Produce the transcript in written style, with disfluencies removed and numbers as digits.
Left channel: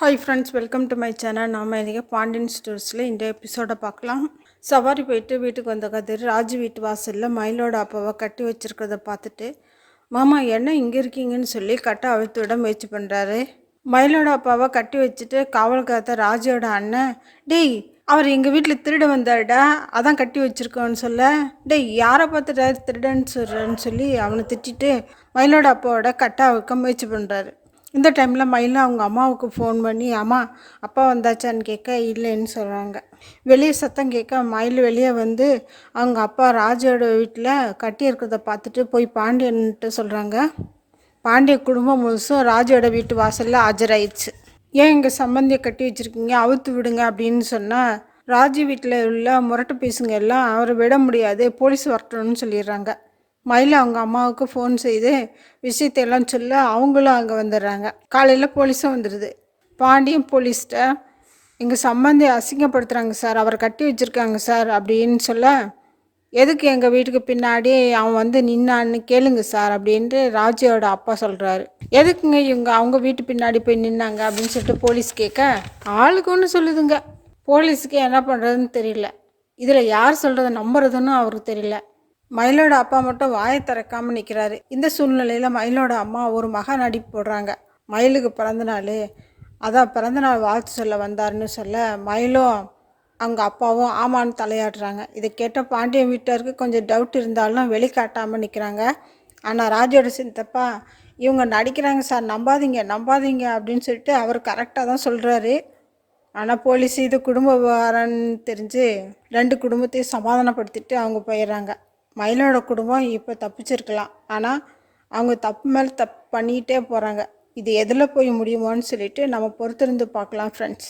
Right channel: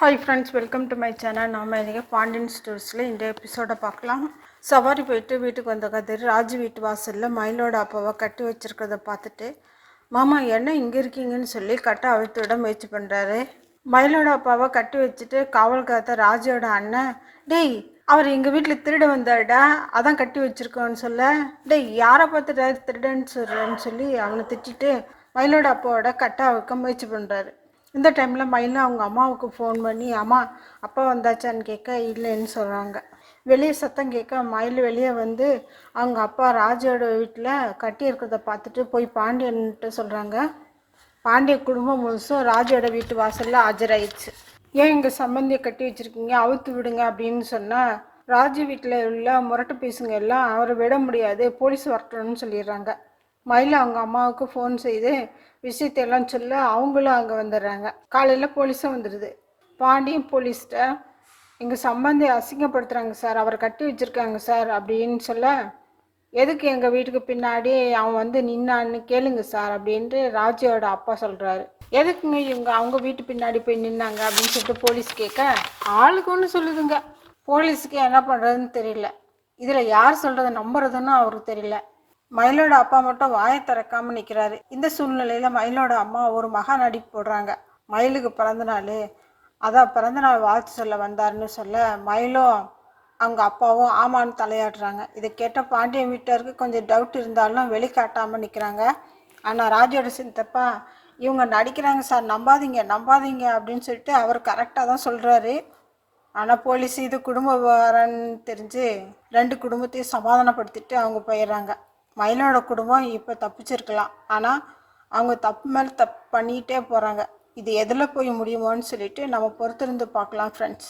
Hi friends, welcome to my channel. நம்ம இன்றைக்கி பாண்டியன் ஸ்டோர்ஸில் இந்த எபிசோடை பார்க்கலாம். சவாரி போயிட்டு வீட்டுக்கு வந்த கதிர் ராஜு வீட்டு வாசலில் மயிலோட அப்பாவை கட்டி வச்சுருக்கிறத பார்த்துட்டு, மாமா என்ன இங்கே இருக்கீங்கன்னு சொல்லி கட்டை அவிழ்த்து விட முயற்சி பண்ணுறாரு. மயிலோட அப்பாவை கட்டி வச்சுட்டு காவல்காத்த ராஜுவோட அண்ணன், டேய் அவர் எங்கள் வீட்டில் திருட வந்தாருடா, அதான் கட்டி வச்சுருக்கோன்னு சொல்ல, டேய் யாரை பார்த்துட்டு திருடன்னு சொல்கிறேன்னு சொல்லி அவனை திட்டிட்டு மயிலோட அப்பாவோட கட்டை அவிழ்க்க முயற்சி பண்ணுறாரு. இந்த டைமில் மயில் அவங்க அம்மாவுக்கு ஃபோன் பண்ணி, அம்மா அப்பா வந்தாச்சான்னு கேட்க இல்லைன்னு சொல்கிறாங்க. வெளியே சத்தம் கேட்க மயில் வெளியே வந்து அவங்க அப்பா ராஜோட வீட்டில் கட்டி இருக்கிறத பார்த்துட்டு போய் பாண்டியன்ட்டு சொல்கிறாங்க. பாண்டிய குடும்பம் முழுசும் ராஜோட வீட்டு வாசலில் ஆஜராயிடுச்சு. ஏன் இங்கே சம்பந்தியை கட்டி வச்சுருக்கீங்க, அவுத்து விடுங்க அப்படின்னு சொன்னால் ராஜு வீட்டில் உள்ள முரட்டு பீஸுங்க எல்லாம் அவரை விட முடியாது, போலீஸ் வரட்டணும்னு சொல்லிடுறாங்க. மயில் அவங்க அம்மாவுக்கு ஃபோன் செய்து விஷயத்தையெல்லாம் சொல்ல அவங்களும் அங்கே வந்துடுறாங்க. காலையில் போலீஸும் வந்துடுது. பாண்டியன் போலீஸ்கிட்ட எங்கள் சம்பந்தி அசிங்கப்படுத்துகிறாங்க சார், அவரை கட்டி வச்சுருக்காங்க சார் அப்படின்னு சொல்ல, எதுக்கு எங்கள் வீட்டுக்கு பின்னாடி அவன் வந்து நின்னான்னு கேளுங்க சார் அப்படின்ட்டு ராஜியோட அப்பா சொல்கிறாரு. எதுக்குங்க இவங்க அவங்க வீட்டு பின்னாடி போய் நின்னாங்க அப்படின்னு சொல்லிட்டு போலீஸ் கேட்க, ஆளுக்கு ஒன்று சொல்லுதுங்க. போலீஸுக்கு என்ன பண்ணுறதுன்னு தெரியல, இதில் யார் சொல்கிறத நம்புறதுன்னு அவருக்கு தெரியல. மயிலோட அப்பா மட்டும் வாயை திறக்காமல் நிற்கிறாரு. இந்த சூழ்நிலையில் மயிலோட அம்மா ஒரு மகா நடிப்பு போடுறாங்க. மயிலுக்கு பிறந்தநாள், அதான் பிறந்தநாள் வாழ்த்து சொல்ல வந்தாருன்னு சொல்ல மயிலும் அவங்க அப்பாவும் ஆமான்னு தலையாடுறாங்க. இதை கேட்ட பாண்டியன் வீட்டாருக்கு கொஞ்சம் டவுட் இருந்தாலும் வெளிக்காட்டாமல் நிற்கிறாங்க. ஆனால் ராஜோட சித்தப்பா, இவங்க நடிக்கிறாங்க சார், நம்பாதீங்க நம்பாதீங்க அப்படின்னு சொல்லிட்டு அவர் கரெக்டாக தான் சொல்கிறாரு. ஆனால் போலீஸ் இது குடும்ப விவகாரம்னு தெரிஞ்சு 2 குடும்பத்தையும் சமாதானப்படுத்திட்டு அவங்க போயிடுறாங்க. மயிலோட குடும்பம் இப்போ தப்பிச்சிருக்கலாம், ஆனால் அவங்க தப்பு மேலே தப்பு பண்ணிகிட்டே போகிறாங்க. இது எதில் போய் முடியுமோன்னு சொல்லிட்டு நம்ம பொறுத்திருந்து பார்க்கலாம் ஃப்ரெண்ட்ஸ்.